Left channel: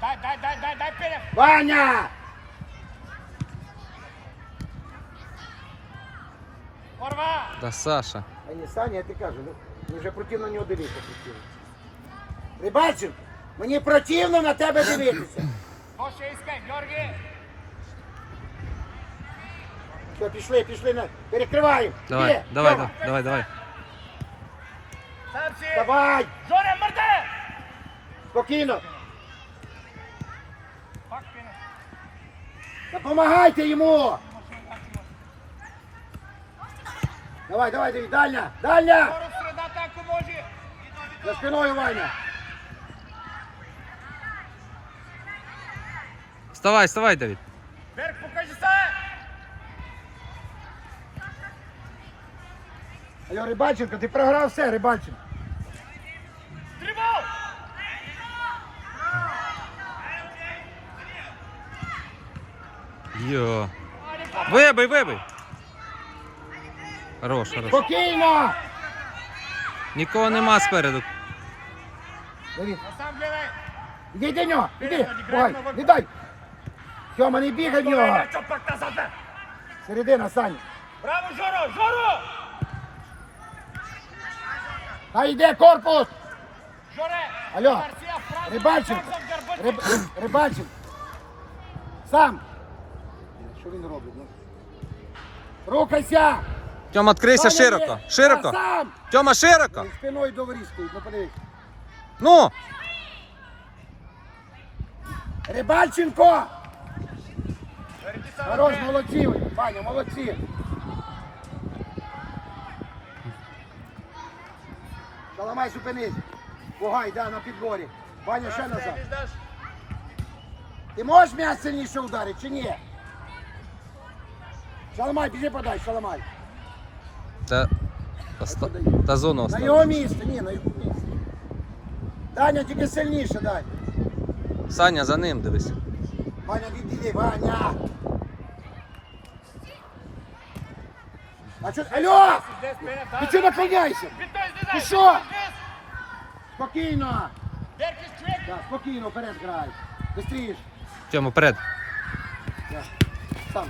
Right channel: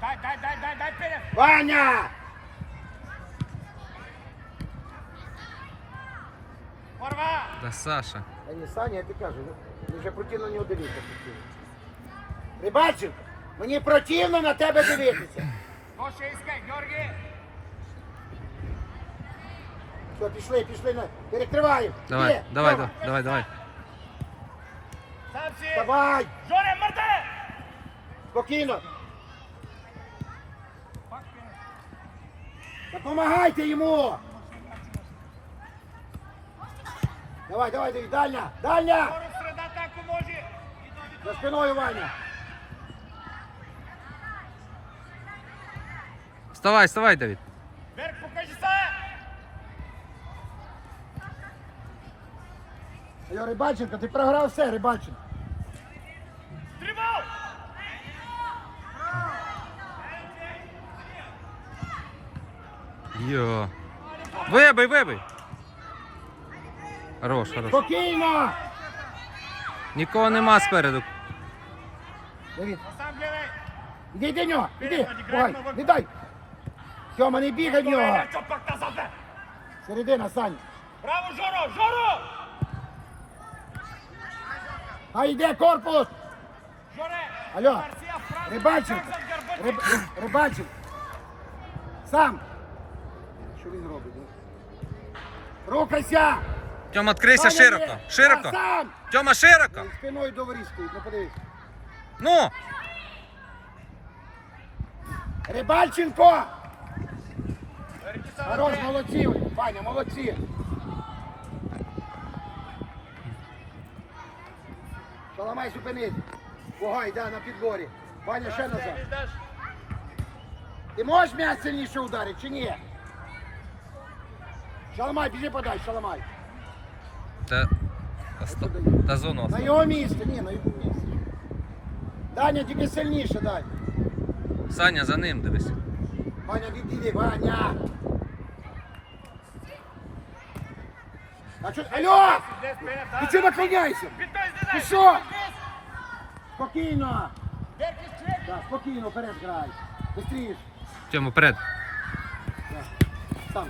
Дай, дай, дай, дай, дай перед. Ваня! Та Саша. А не Саня, я ти кажу, ну, вже противно нього дивитися. Рибаченко, мені противно на тебе дивитися. Може іскай, Георгій. Все, пішли, пішли, на... перекриваю. Давай, Є, давай, давай, давай, давай. Сам си. Давай, Жоре, мърде. спокійно. Пак перед. Допомагайте йому. Давай, давай, давай, дальня, може. За спиною, Ваня. Вставай, вставай, Давид. Берг, покажи се. Алло, Рибаченко, ти програв все, Рибаченко. Йо. Вибий, вибий. Хорош, хорош. Спокійно. Нікого нема спереду. Давид, іди до нього, іди. Давай, не дай. Сьома, не бігай в нього. Середина, Саня. Браво, Жоро, Жоро. А йде корпус. Жоре. Алло, за Риб, Горбаченко. Сам. Що він робить? Ну? Рухайся. Тьома, відкрийся Ваня, широко. є. Широко. Тьома, широко. Він Спиною до стоїть, ну подивись. Ну. Рибальченко! Хорош, молодці, ви, Ваня, молодці. Шаламай, зупинись. Пугай, да, на підборі. Ваня, ще назад. Ти можеш м'яч сильніше ударити чи ні? Шаламай, біжи подай, шаламай. Та, та, ста- та зону На його місце, ні, на його місце. Даня, тільки сильніше дай. Саня, за ним дивись. Ваня, відійди, Ваня! А чо? Алло! Ти чого наклоняйся? Ти що? Спокійно! Так, спокійно, вперед грай. Быстріш. Тьома, вперед. Так, Сам.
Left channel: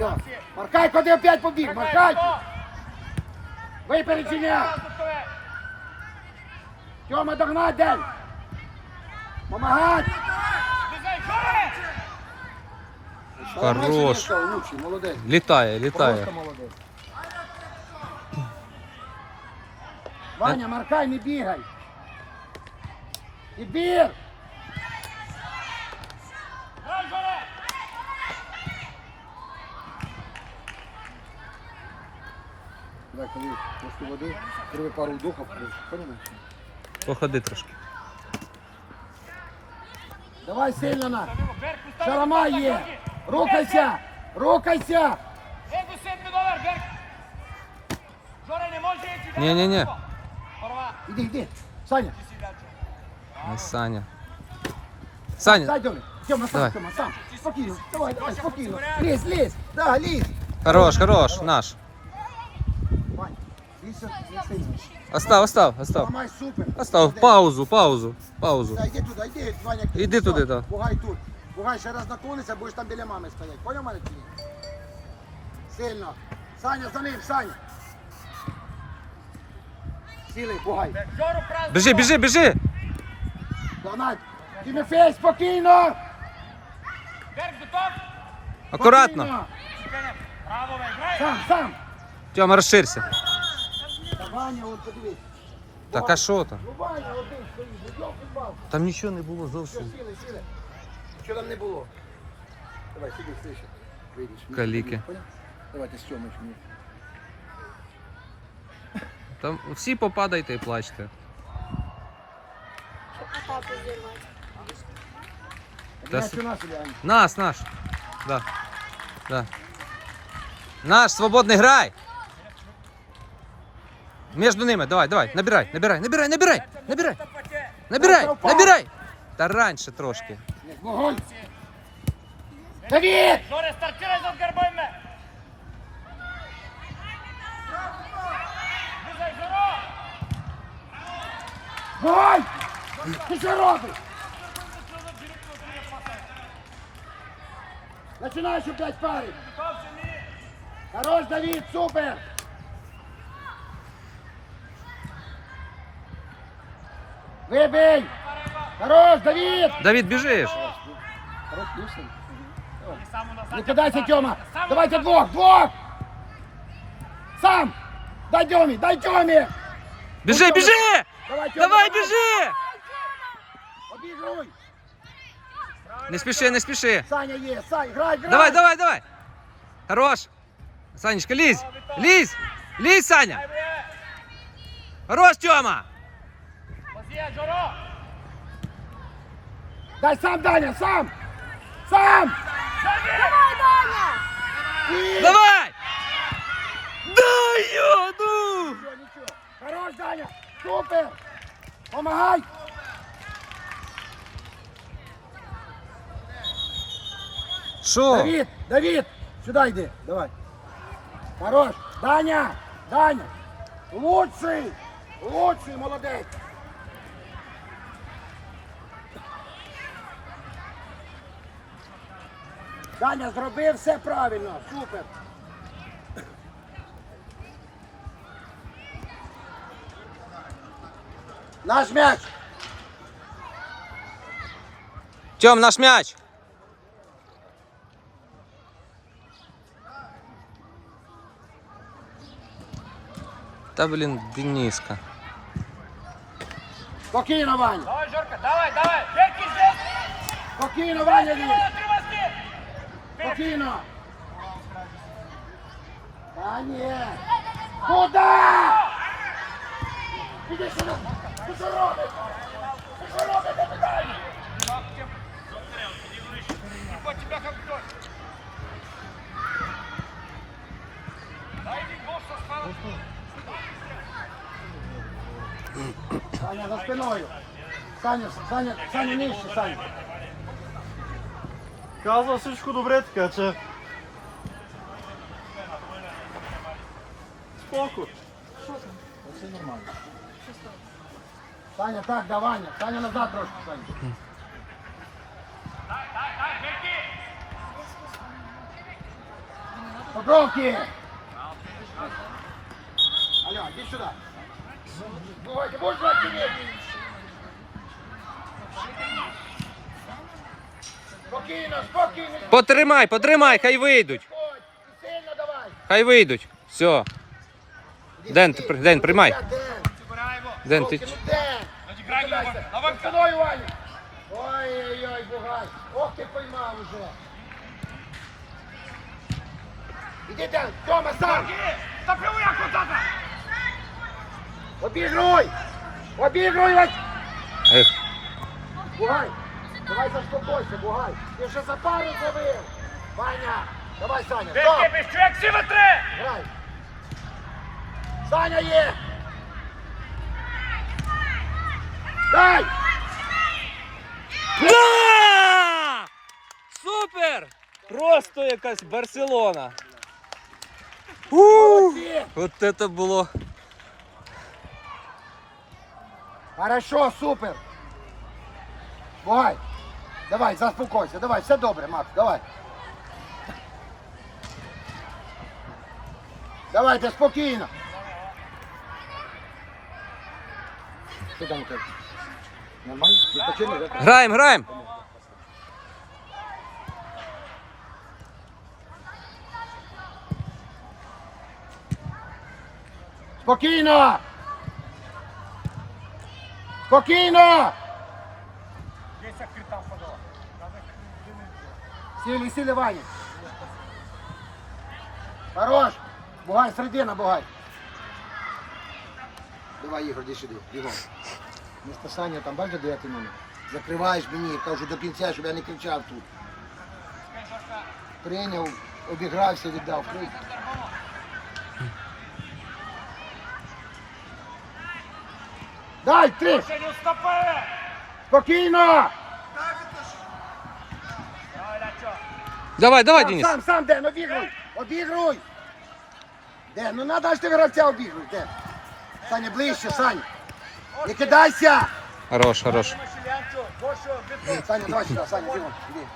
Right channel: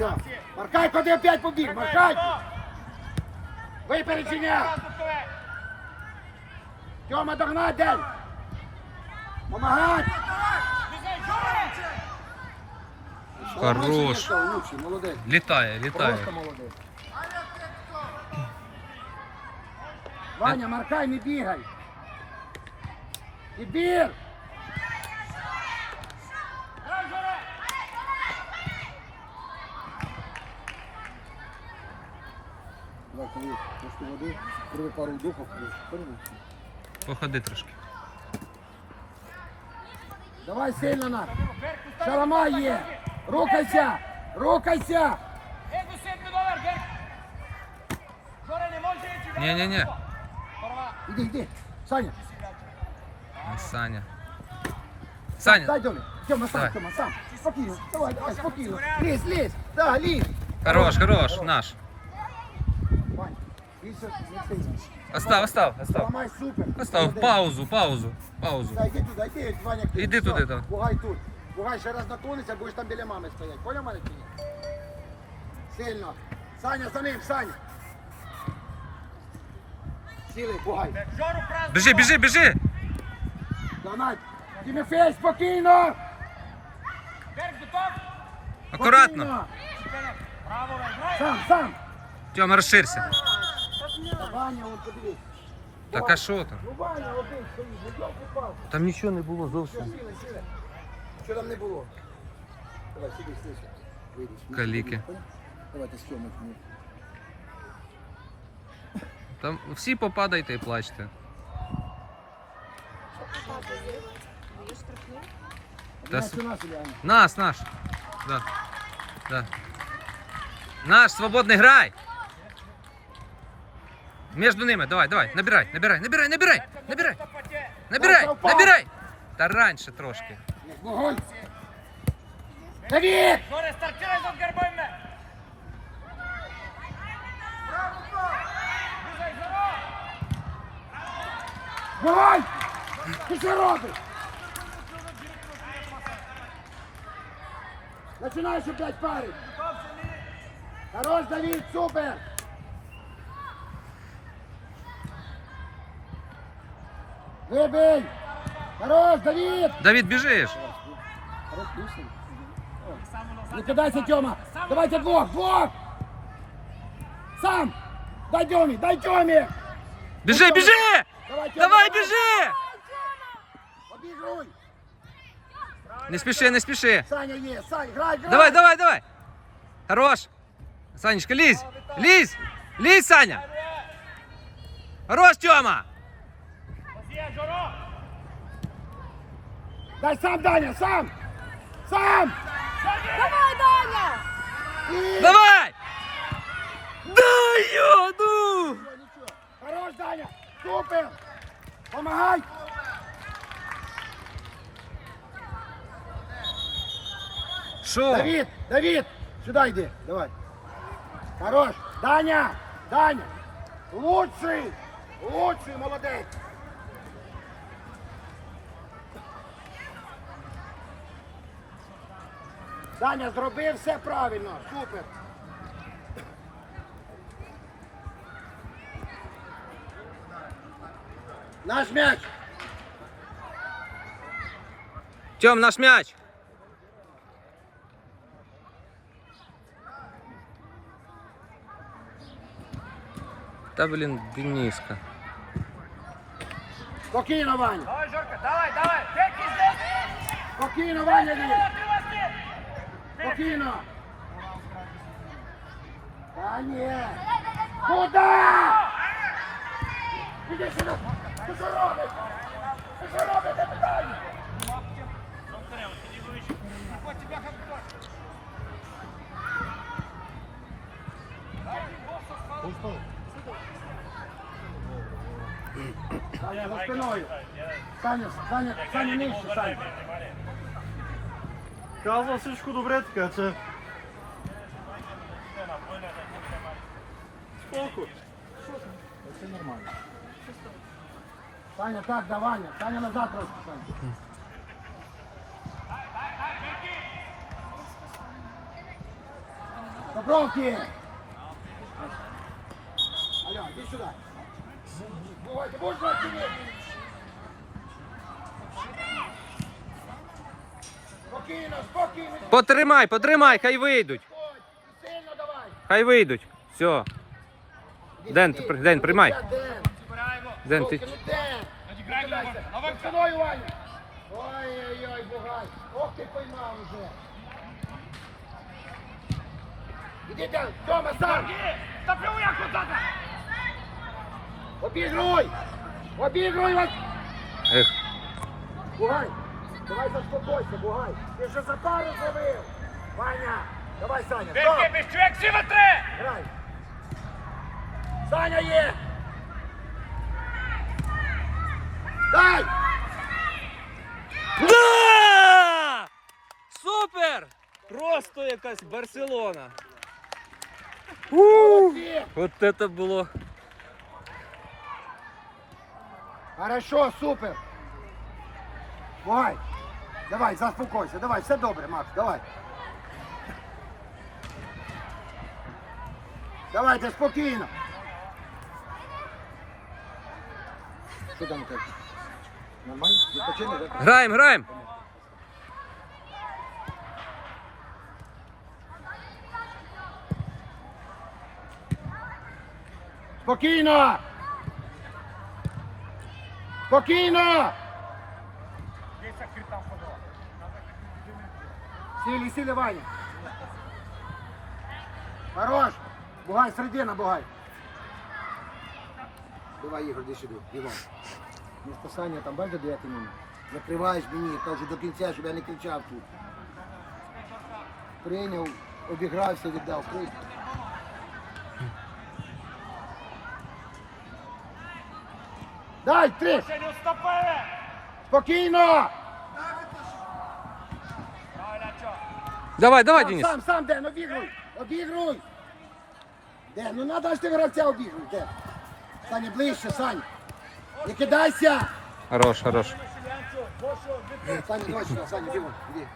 Алло. Маркай, куди опять побіг? Маркай! Випередження! Тьома, догнать, дай! Помагать! Хорош. Молодець. Літає, літає. Просто молодець. Ваня, Маркай, не бігай. Відбір! Грай, Давай, коли трошки води, зроби пару вдохів, понимаєш? Походи трошки. Давай сильно на. Берг, постави. Шаламай є. Рухайся! Рухайся! Его 7 долар, Берг. Жоре, не може йти. Ні-ні-ні. Порва. Іди, іди. Саня, Ай, Саня. Саня, дай долю. Тьома, сам, Давай. Тьома, сам. Спокійно. Давай, давай, спокійно. Лізь, лізь. Да, лізь. хорош, хорош, наш. Остав, остав, остав. Ламай, супер. Остав, паузу, паузу, паузу. Да, Іди туди, іди, Ваня. Іди туди, так. Пугай тут. Пугай ще раз наклонися, будеш там біля мами стояти. Поняв мене чи ні? Сильно. Саня, за ним, Саня. Сіли, пугай. Жору праздник. Біжи, біжи, біжи. Ламай. Тимофей, спокійно. Акуратно. Спокійно. Сам, сам. Тьома, розширся. Ваня, от подивись. Так а що там? Ну Ваня один стоїть, ну йоп, футбол. Там нічого не було Все, зовсім. сіли, сіли. Що там не було? Давай, сиди, слышь. Вийдеш. Каліки. Поняв? Давайте сьомич мені. Там всі попадайте і плачте. Та Знаєш, нас? Нас, наш. Да. Да. Наш, свободний грай. Между ними, давай, давай, набирай, набирай, набирай, набирай, набирай, набирай, набирай. Та раньше трошки. Давид! Зоре, стартируй за горбами! Вогонь! Ти що парень! Хорош, Давид, супер! Выбей. Хорош, Давид. Давід, біжиш. Хорош, Люсин. Не кидайся, Тёма. Давайте двух, двух. Сам. Дай Тёме, дай Тёме. Біжи, біжи! Давай, Тёма, Давай, біжи! Обігруй. Не спіши, не спіши. Саня є, Саня, грай, грай. Давай, давай, давай. Хорош. Санечка, лізь. Лізь. Лізь, Саня. Хорош, Тьома. Дай сам, Даня, сам. Сам. І- Давай. Дай його, ну. Хорош, Даня. Супер. Помагай. Що? Давид, Давид, сюда йди. Давай. Хорош. Даня, Даня. Лучший. Лучший, молодець. Даня зробив все правильно. Супер. Наш м'яч. Тьом, наш м'яч. Та блін, Дениска. Спокійно, Ваня. Давай, Жорка, давай, давай. Спокійно, Ваня, дивись. Спокійно. Та ні. Куда? Іди сюди. Ти що робиш? Ти що робиш? Я питаю. Саня, за спиною. Саня, Саня, Саня, нижче, Саня. Казва всичко добре така, че... Споко. Все нормально. Саня, так, да, Ваня. Саня назад трошки, Саня. Попровки! Алло, иди сюда. Бывайте, будешь отделить? Спокійно, спокійно. Потримай, потримай, хай вийдуть. Сильно давай. Хай вийдуть. Все. Ден, ти Ден, приймай. Ден, Ден, ти. Ден. Давай. Ваня. Ой-ой-ой, бугай. Ох, ти поймав уже. Іди там, Тьома, сам. Запивуй, як отак. Обігруй. Обігруй, Вась. Ех. Бугай. Давай заспокойся, Бугай. Ти вже за пару зробив. Ваня, давай, Саня. Стоп. без чоловік, всі ви три. Грай. Саня є. Дай. Да! Супер! Просто якась Барселона. Ух! Молодці. От це було. Хорошо, супер. Давай. Давай, заспокойся. Давай, все добре, Макс, давай. Давайте спокійно. Що там кажеш? Нормально? Відпочинок, так? Граємо, граємо. Спокійно! Спокійно! Сіли, Ваня. Хорош! Бугай, середина, бугай. Давай, Ігор, іди сюди, Ігор. Ну, там, бачиш, де ти мене? Закриваєш мені, кажу до кінця, щоб я не кричав тут. Прийняв, обігрався, віддав. Крик. Дай, три! Спокійно! Давай, Лячо. Давай, давай, Денис. сам, сам, Ден, обігруй! Обігруй! Ден, ну надо ж ти гравця обігруй, Ден. Саня, ближче, Саня. Не кидайся! Хорош, хорош. Саня, давай сюди, Саня, диво, іди.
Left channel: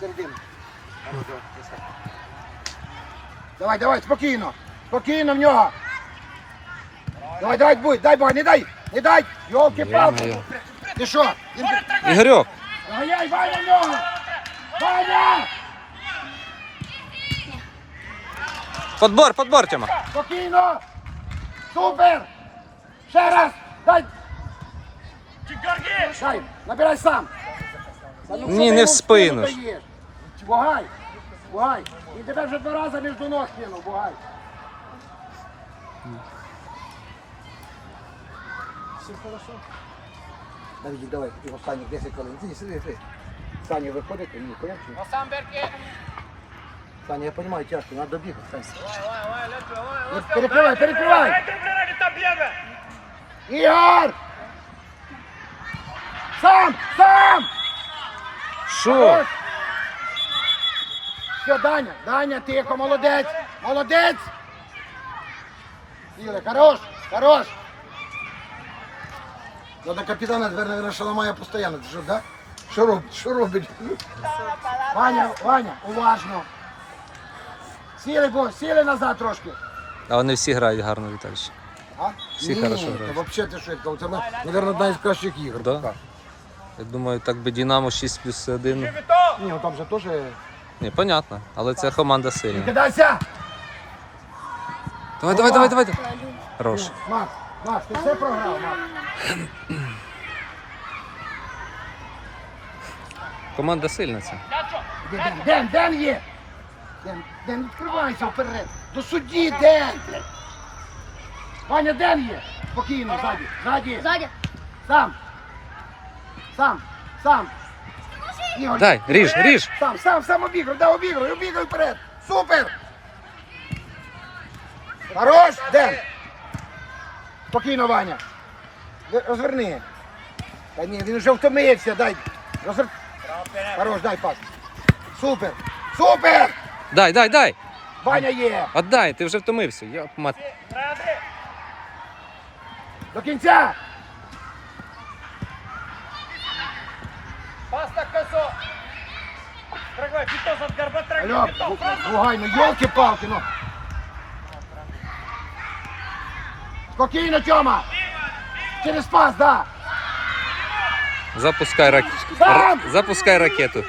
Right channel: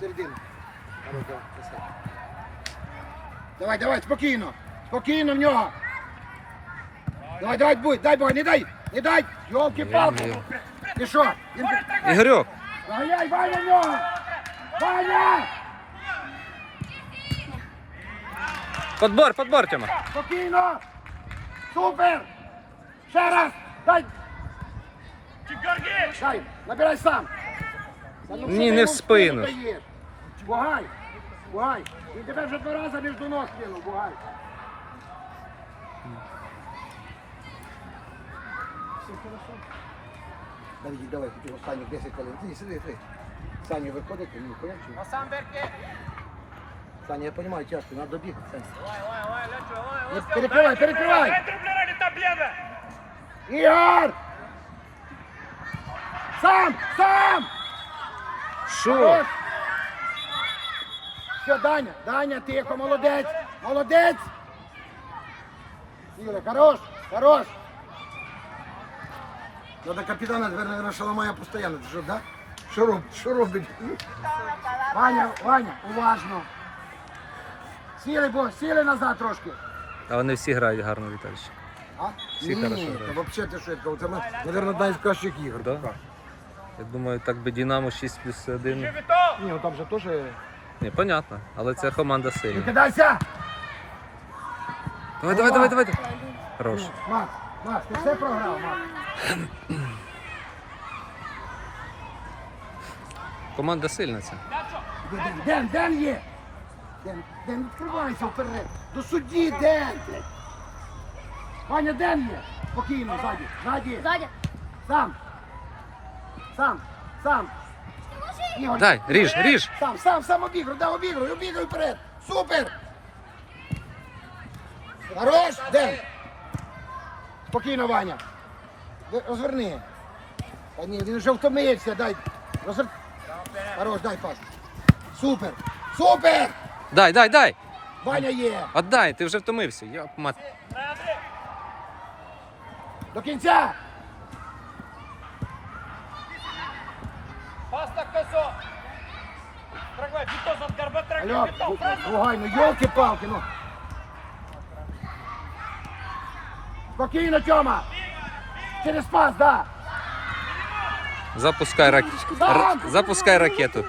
Середину. Давай, давай, спокійно. Спокійно в нього. Давай, давай, будь, дай бой, не дай, не дай. Йолки палки. Ти що? Він... Ігорьок, Ганяй, Ваня в нього! Ваня! Подбор, подбор, Тьома. Спокійно! Супер! Ще раз! Дай! Дай! Набирай сам! Ну, Ні, не в спину? Бугай! Бугай! Він тебе вже два рази між ног кинув, бугай! Все хорошо? Давай, хотів останніх 10 хвилин. Ні, сиди, сиди. Саня виходить, ні, коняче. Сам Берки! Саня, я понимаю, тяжко, надо добігати, Саня. Тренера, там б'єме! Ігор! Сам! Сам! Що? Все, Даня, Даня, тихо, молодець! Молодець! Ігор, хорош, хорош! Я до капітана, наверное, що ламає постійно. Що, да? Що робить? Що робить? Ваня, Ваня, уважно. Сіли, бо, сіли назад трошки. А вони всі грають гарно, Віталійович. А? Всі Ні, хорошо грають. Та взагалі ти що, це, мабуть, одна із кращих ігор. Да? Я думаю, так би Динамо 6 плюс 1. Ні, ну там же теж... Ні, понятно, але ця команда сильна. Кидайся! Давай, давай, давай, давай. Хорош. Макс, Макс, ти все програв, Макс. Команда сильна ця. Ден, Ден, Ден є. Ден, Ден, відкривайся вперед. До судді, Ден. блядь. Ваня, Ден є. Спокійно, ззаді, ззаді. Сзади. Сам. Сам, сам. Ігор, Дай, ріж, ріж. Сам, сам, сам обігруй, да, обігруй, обігруй вперед. Супер. Хорош, Ден. Спокійно, Ваня. Ви- Розверни. Та ні, він вже втомився, дай. Розвер... Хорош, дай пас. Супер. Супер! Дай, дай, дай. Ваня є. Отдай, ти вже втомився. Йоп, мат. До кінця. Пас на косо! Трагай, Вітос от гарба, трагай, Алло, Лугай, ну йолки-палки, ну. Спокійно, Тьома. Через пас, да. Запускай рак... р- Запускай ракету.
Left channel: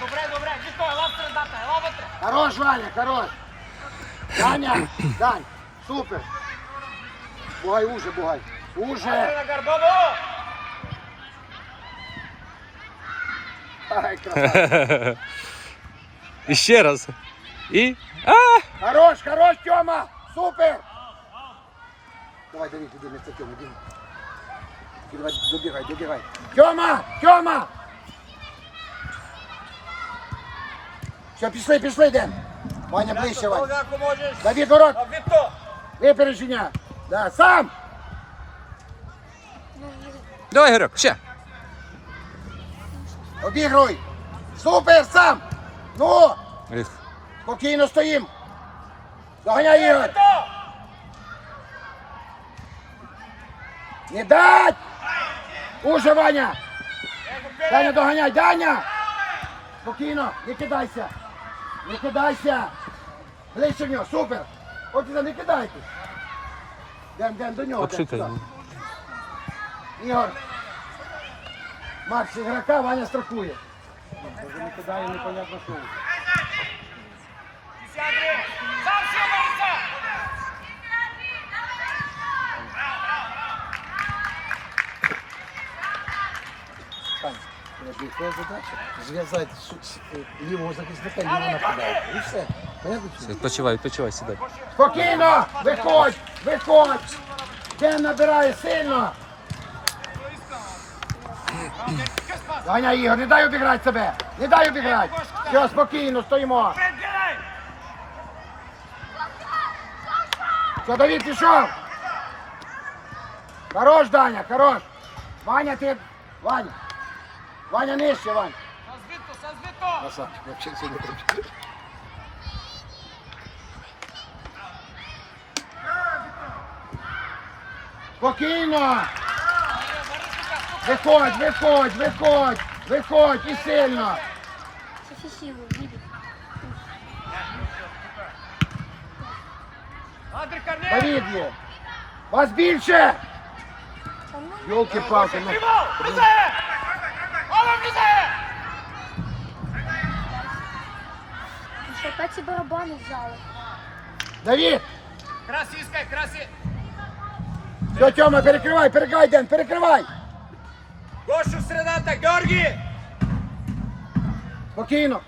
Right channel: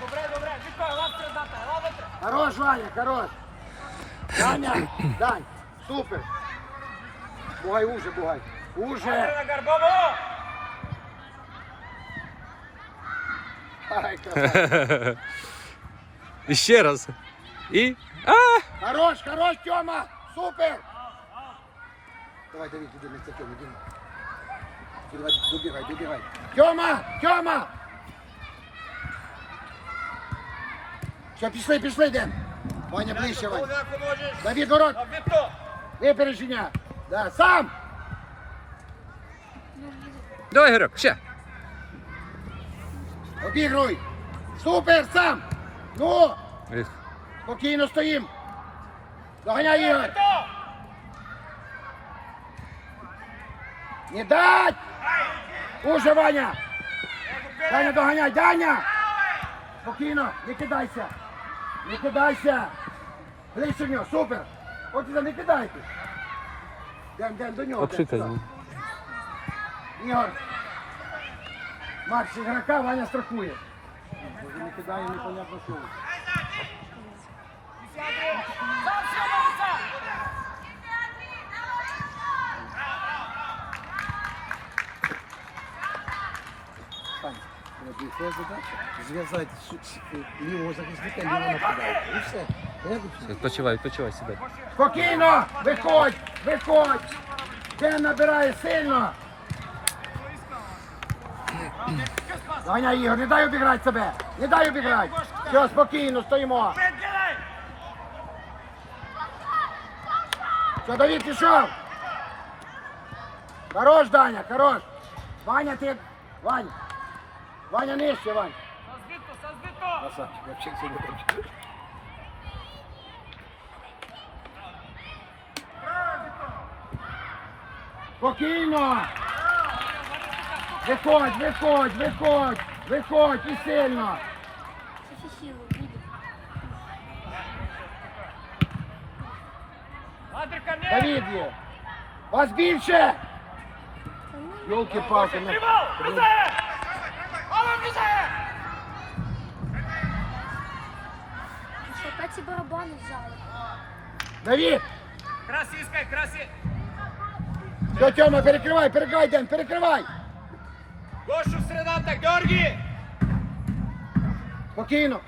Добре, добре, Вітос, лапте, лапте, лапте! Хорош, Ваня, хорош. Ваня, дай. Супер. Бугай уже, бугай. Уже. На гарбону! Ай, красавчик. І ще раз. І. А! Хорош, хорош, Тьома. Супер. Давай, Давид, іди вместе Тьома, іди. Давай, добігай, добігай. Тьома, Тьома. Все, пішли, пішли, йдемо. Ваня, ближче, Ваня. Поляку можеш! Давид, ворот. А Віто! Випередження. Да, сам. Давай, Ігорьок, ще. Обігруй. Супер, сам. Ну, Ех, спокійно стоїм. Доганяй, Ігор. Не дать. Уже, Ваня. Даня, доганяй, Даня. Спокійно, не кидайся. Не кидайся. Ближче в нього, супер. От не кидайте. Ден, ден, до нього. Обшикай. Ігор. Макс ігрока, Ваня страхує. Не кидає, непонятно що. Твоя задача зв'язати лівого захисника і лівого нападати. І все. Відпочивай, відпочивай, сідай. Спокійно! Виходь! Виходь! Ден набирає сильно! Ганя Ігор, не дай обіграти себе! Не дай обіграти! Все, спокійно, стоїмо! Все, Давид, пішов! Хорош, Даня, хорош! Ваня, ти... Ваня! Ваня нижче, Вань! Красавчик, вообще сьогодні. Спокійно. Виходь, виходь, виходь, виходь і сильно. Є. Вас більше. Ну. Ола влізає! Що, опять ці барабани взяли? Давід, Красі іскай, красі! все, Тьома, перекривай, перекривай, Ден, перекривай. Гошу средата, Георгій! Спокійно.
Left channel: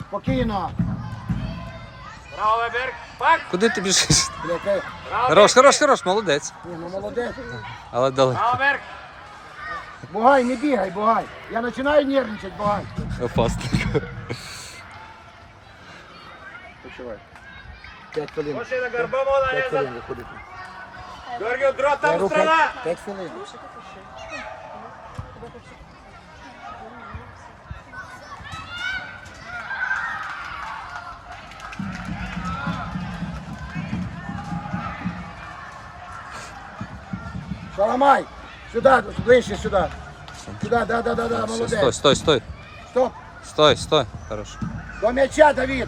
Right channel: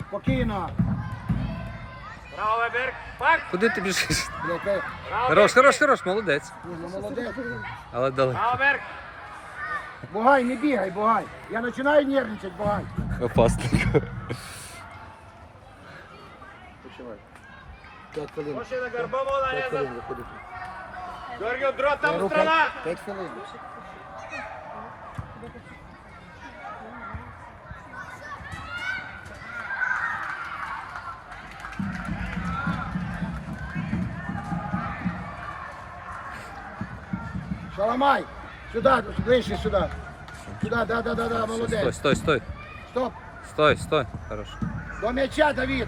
Спокійно. Браво! Пак! Куди ти біжиш? Хорош, хорош, хорош, молодець. Ні, ну молодець. Але далеко. Браво, Берг! Бугай, не бігай, бугай. Я починаю нервничати, бугай. Опасненько. Почувай. П'ять хвилин. Гоші на горба мола П'ять хвилин виходити. Георгій, дрот Я там страна! п'ять- П'ять хвилин. Шаламай! Сюда, ближче сюда. Сюда, да, да, да, да, Все, молодець. стой, стой, стой. Стоп. Стой, стой. Хорош. До м'яча, Давид.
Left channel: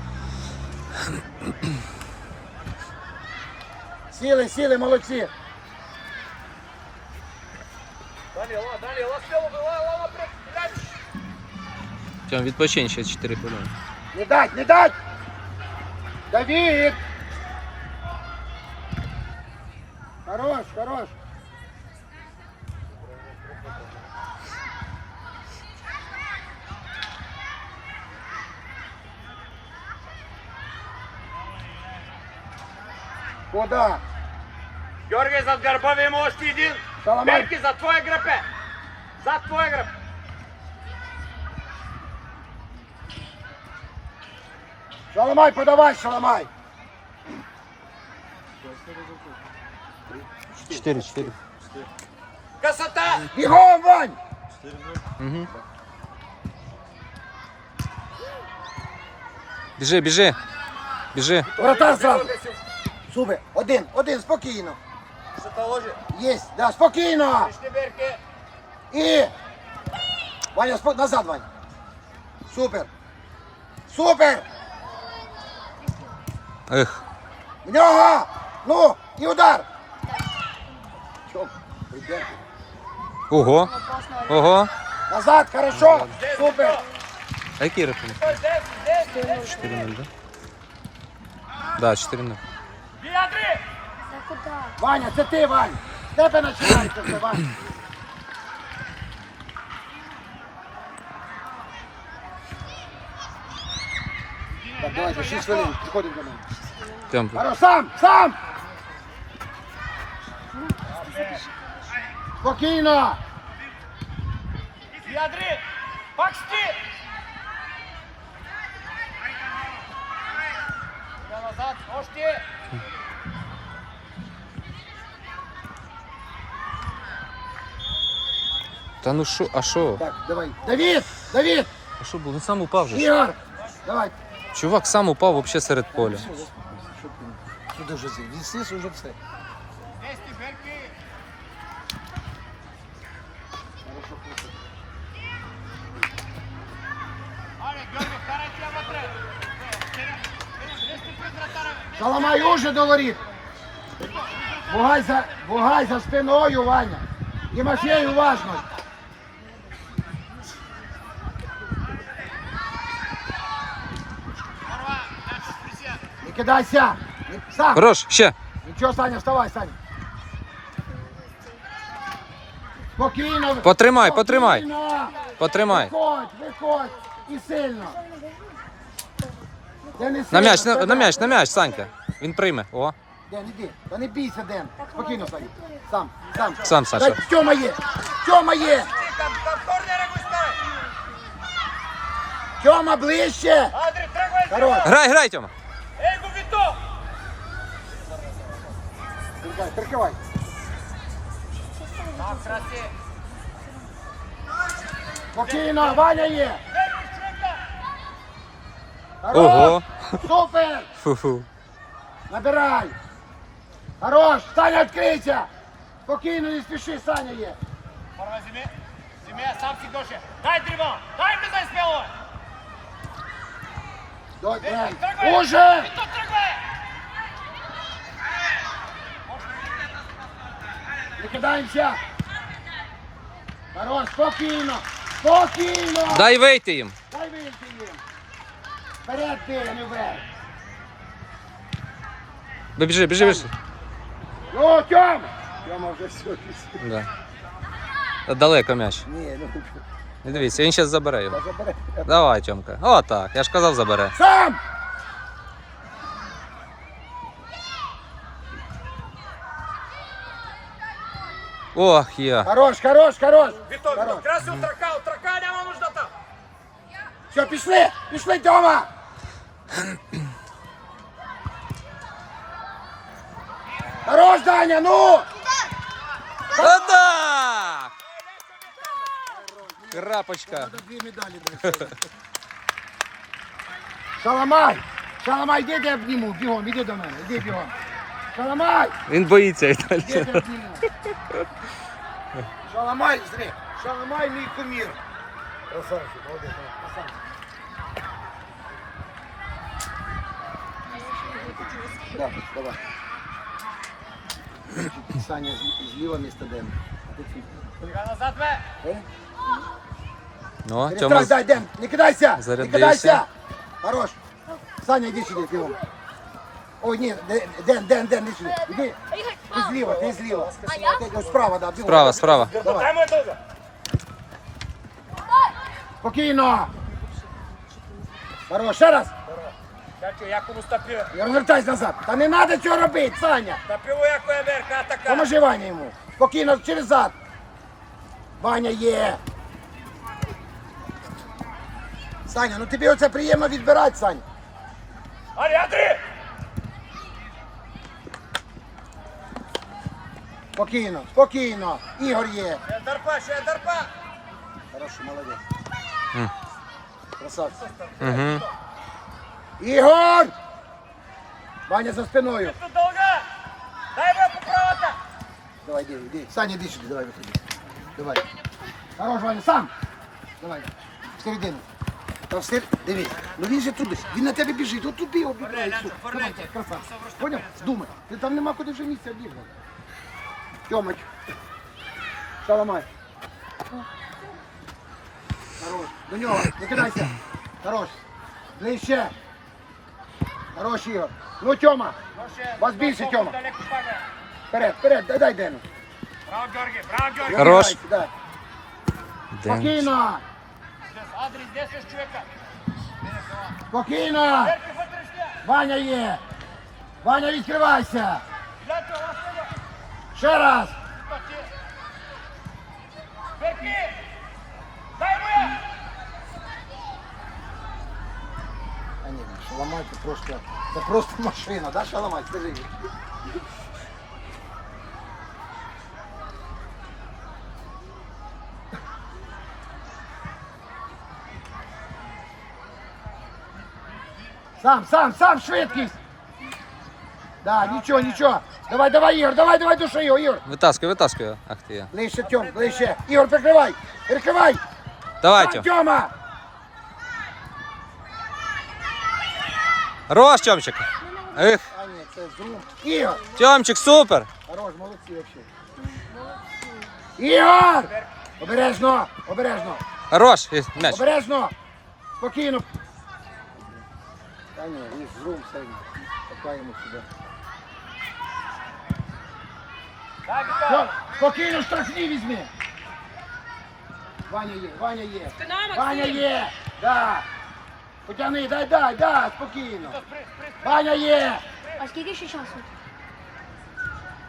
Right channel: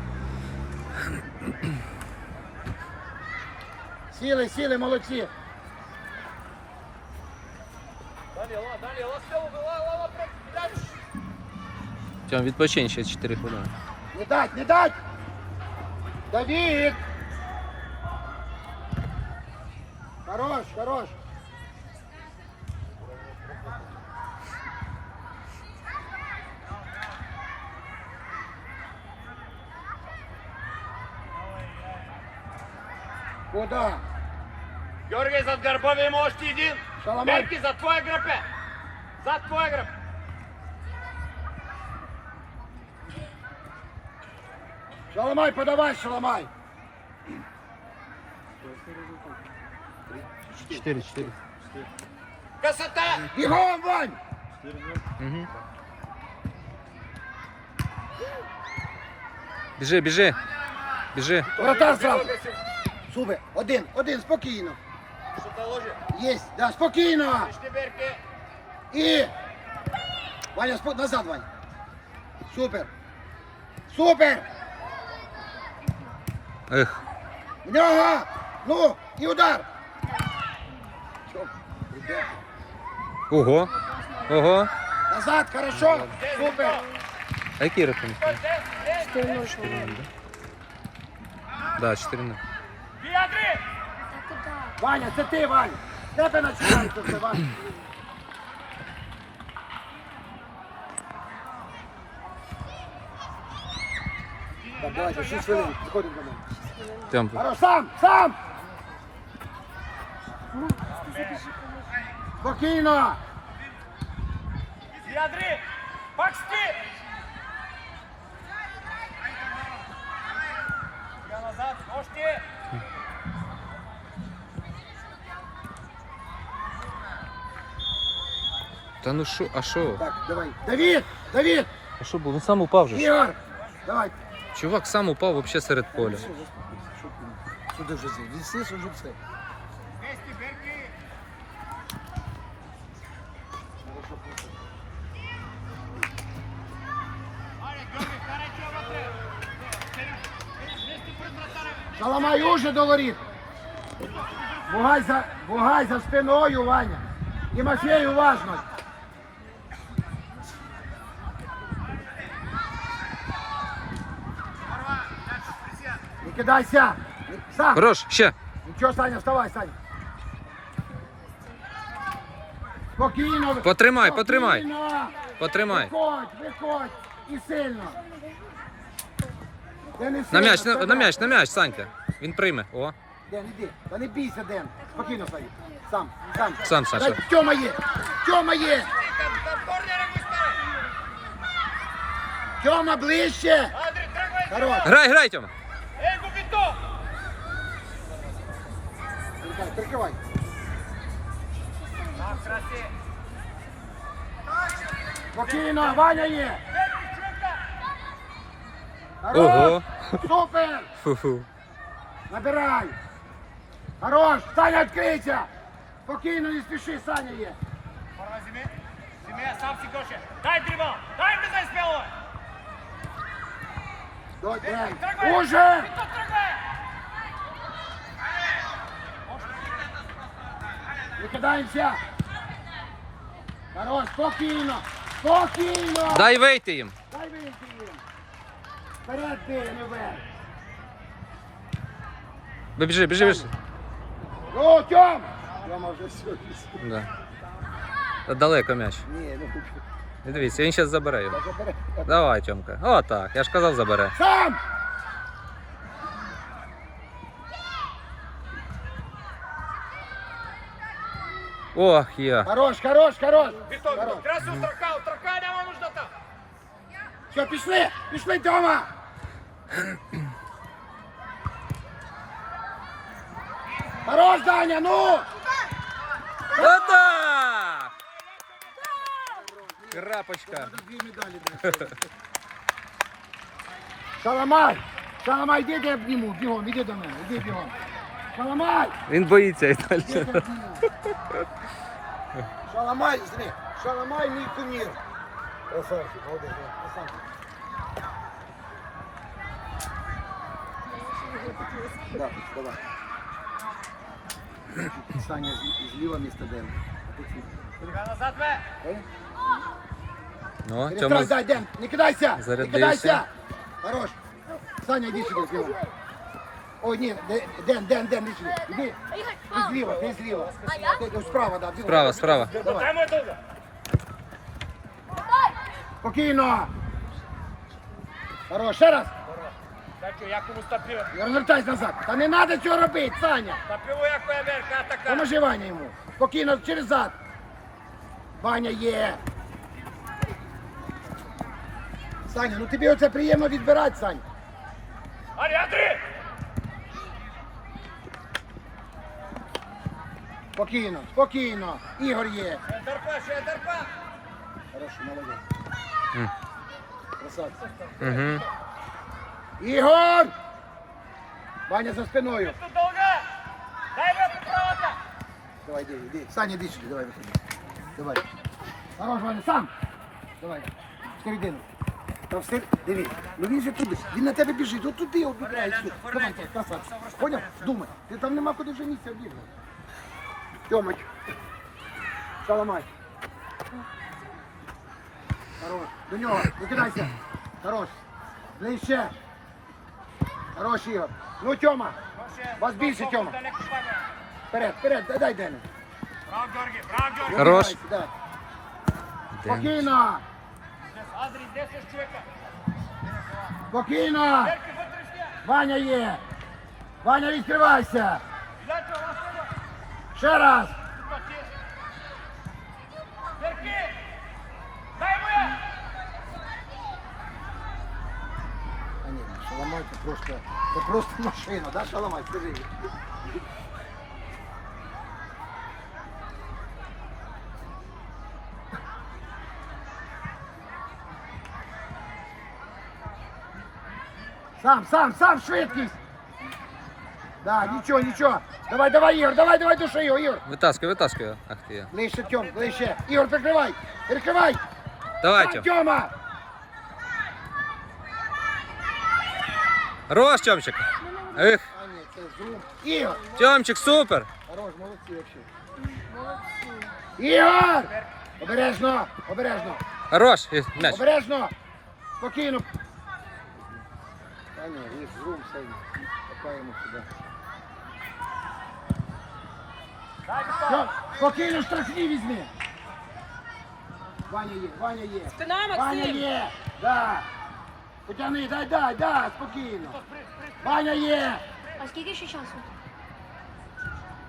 Сіли, сіли, молодці. Тьом, відпочинь ще 4 хвилини. Не дать, не дать! Давид! Хорош, хорош. Куда? Георгій, зад горбовим още един! Берки, за твоя гръбе! Зад твоя гръб! Шаламай, подавай, шаламай. 4, 4. Красота! Бігом, Вань! Угу. Біжи, біжи. Біжи. Вратар зразу. Супер. Один, один, спокійно. Що та ложи? Єсть, да, спокійно. Пішли, Берки! І. Ваня, спо... назад, Ваня. Супер. Супер. Ех. В нього. Ну, і удар. Що? Іде. Ого. Ого. Назад, хорошо. Супер. А який рахунок? Десь, десь! 4-0, да? Да, 4-0. Бій, Андрій! Та куди? Ваня, це ти, Ваня. Де Тебе починається Ваня. Так, давайте, 6 хвилин, приходимо до мене. Тьом, Хорош, сам, сам. Спокійно. Бій, Андрій! Пак стій! Я назад, можете! Та ну що, а що? Так, давай. Давид, Давид, А що було? Він сам упав же. ж. Ігор. Давай. Чувак сам упав вообще серед поля. Все, заспокойся. Що ти? Сюди вже зі. Уже все. Шаламай уже до воріт. Бугай за, бугай за спиною, Ваня. Тимофей, уважно. Кидайся. Сам. Хорош, ще. Нічого, Саня, вставай, Саня. Спокійно. Потримай, потримай. Спокійно. Потримай. Виходь, виходь. І сильно. Не На м'яч, на, на м'яч, на м'яч, Санька. Він прийме. О. Ден, іди. Та не бійся, Ден. Спокійно, Саня. Сам, сам. Сам, Саша. Дай, Тьома є. Тьома є. Тьома ближче. Хорош. Грай, грай, Тьома. Прикривай, Прикривай. Так, красі! Спокійно, Ваня є. Берки, чука! Хорош. Ого. Супер. Фу-фу. Набирай. Хорош. Саня, відкрийся. Спокійно, не спіши, Саня є. Първа зими. Зими, сам си гоше. Дай дрибъл. Дай влизай с бело. До, Ден. Тръгвай. Уже! Не кидаємося. Хорош, спокійно. Спокійно. Дай вийти їм. Дай вийти їм. Вперед ти, а не вверх. Біжи, біжи, біжи. О, Тьом! Тьома вже пішов. Да. Та Далеко м'яч. Ні, ну Не дивіться, він зараз забере його. забери. Давай, Тьомка. О, так. Я ж казав, забере. Сам! Ох, я. Хорош, хорош, хорош. Вито, Хорош. Вито, красив трака, от трака няма нужда там. Все, пішли, пішли, Тьома. Хорош, Даня, ну! Та-да! Крапочка. Дві медалі Шаламай! Шаламай, іди, я обніму, бігом, іди до мене, іди бігом. Шаламай! Він боїться Віталій. Шаламай, зри, Шаламай, мій кумір. Красавчик, молодець, красавчик. Да, давай. Саня зліва місто Дена. Е? Ну, Перестань, Тьома. дай, Ден, не кидайся! Не Зарядився. кидайся! Хорош! Саня, іди сюди, Ден. Ой, ні, Ден, Ден, Ден, Ден, іди сюди. Іди. Ти зліва, ти зліва. Ти ось справа, да. ти Справа, ось. справа. Давай. Дай му дълга. Спокійно. Хорош, ще раз. Чакай, яко му стъпи. бе. Не розвертайся назад. Та не треба цього робити, Саня. Стъпи му яко е берка, така. Поможи Ваня йому. Спокійно, через зад. Ваня є. Саня, ну тобі оце приємно відбирати, Саня. Ари, Адри! Спокійно, спокійно. Ігор є. Ще дърпа, ще дърпа. Хороший, молодець. М. Красавці. Угу. Ігор! Ваня за спиною. Тут дълга. Дай бе по правата. Давай, иди, иди. Саня, иди сюда, давай, выходи. Давай. Хорош, Ваня, сам. Давай. В середину. Та все, дивись. Ну він же туди. Він на тебе біжить. От туди обіграє. все. Давай, красавчик. Поняв? Думай. Ти там нема куди вже місця бігати. Тьомич. Шаламай. Хорош. До нього. Не кидайся. Хорош. Ближче. Хорош, Ігор. Ну, Тьома. Вас більше, Тьома. Вперед, вперед, дай, дай Дену. Браво, Георги, браво, Георги. Хорош. Спокійно. Адри, здесь е човека. Спокійно. Ваня є. Ваня, відкривайся. Дайте, ласно. Ще раз. Берки! Дай му я! А ні, шаламай, це просто, це просто машина, да, шаламай, скажи. Сам, сам, сам, швидкість. Да, нічого, нічого. Давай, давай, Ігор, давай, давай, души його, Ігор. Витаскуй його. Ах ти я. Ближче, Тьом, ближче. Ігор, прикривай, прикривай. Давай, Тьом. Тьома. Хорош, Тьомчик. Ех, А ні, це зру. Ігор. Тьомчик, супер. Хорош, молодці вообще. Ігор! Обережно, обережно, Хорош. М'яч. обережно. Спокійно. Та ні, ви з рум все. Покаємо сюди. Дай, Вито. Все, спокійно, штрафні візьми. Ваня є, Ваня є. Спина, Ваня є. Да. Потягни, дай, дай, дай, спокійно. Ваня є. А скільки ще часу?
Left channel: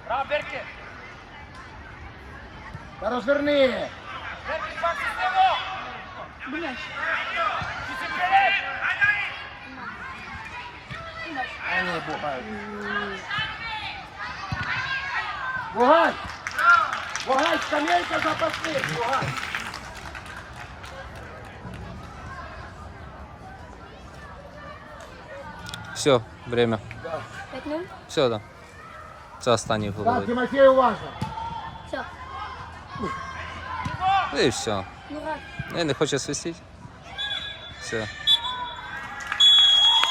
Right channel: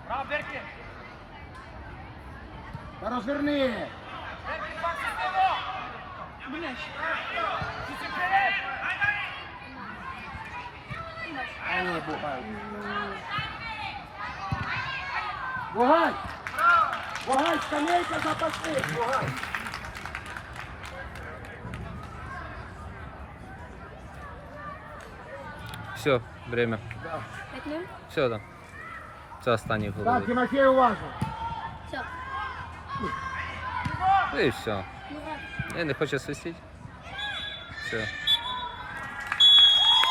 Браво, Берки! Та розверни. Берки, пак с него! Думаєш? Ти си Вогай! Вогай, скамейка запасних! Вогай! Все, время. Да. Все, да. Це останній Так. Тимофей, уважно. Все. Ну і все. Ну, Я не хочу свистіть. Все.